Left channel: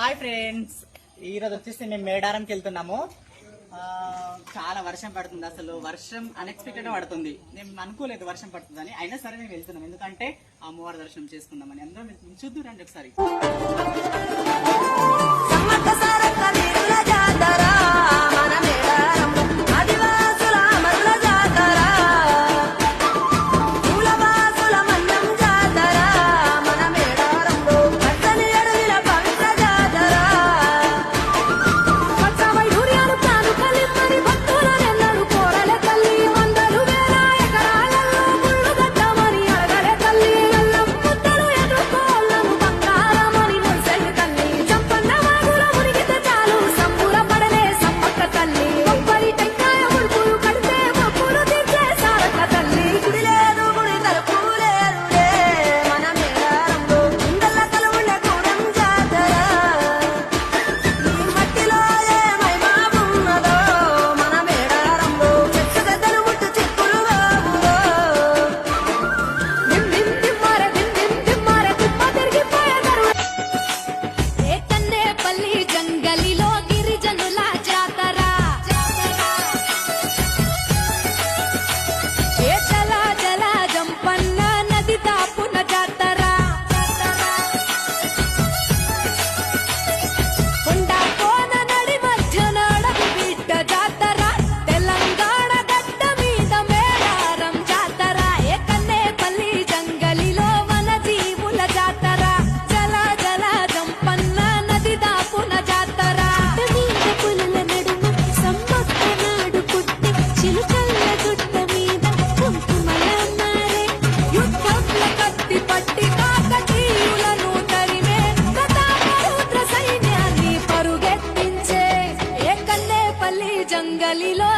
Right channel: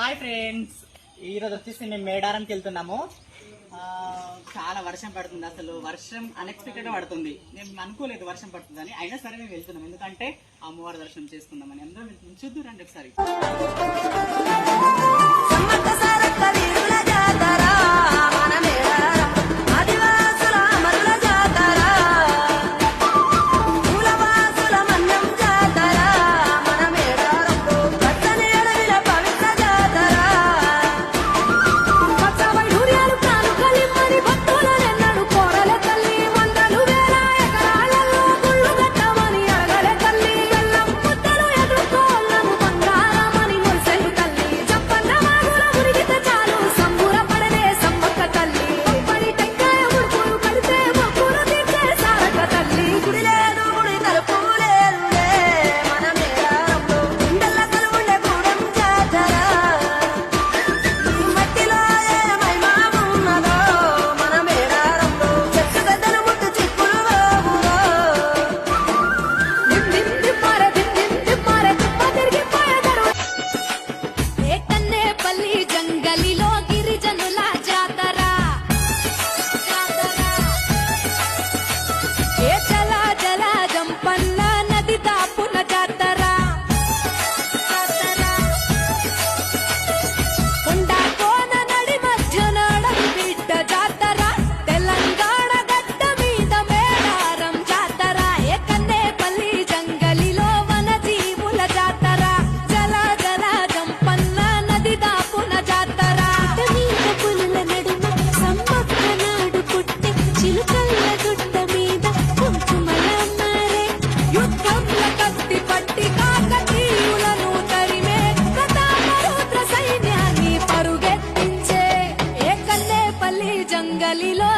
Hi friends, ఈరోజు వచ్చేసి మేము మేడారంకి వెళ్తున్నాము. చాలా వర్షం పడుతుంది. అసలు వర్షం అన్ఎక్స్పెక్టెడ్ పడుతుంది. మేము అనుకోలేదు వర్షం పడుతుందని, అయినా సరే మేము వెళ్తున్నాం. ఎందుకంటే అమ్మవారి దర్శనం చేసుకుందామని. అందరం చూద్దాం రండి ఒకసారి. జంగలిలో గిరిజనుల జాతర, ఏ జల జల జంపన్న నది దాపున జాతర, కొండ కోన నడి మధ్యన అడవి బిడ్డ జాతర, తెలంగాణ గడ్డ మీద మేడారం జాతర, ఏ కన్నేపల్లి జంగలిలో వన జీవుల జాతర, జల జల జంపన్న నది దాపున జాతర, మీద పులుల నడుమ సమ్మక్క నాడు పుట్టి చిలుకల్ల గుట్ట మీద కుంకుమల మారే, యుద్ధంల కత్తి పట్టి కాకతీయులను తరిమే, ప్రతాపరుద్ర సైన్యాన్ని పరుగెత్తించే, ఏ కన్నేపల్లి జంగలిలో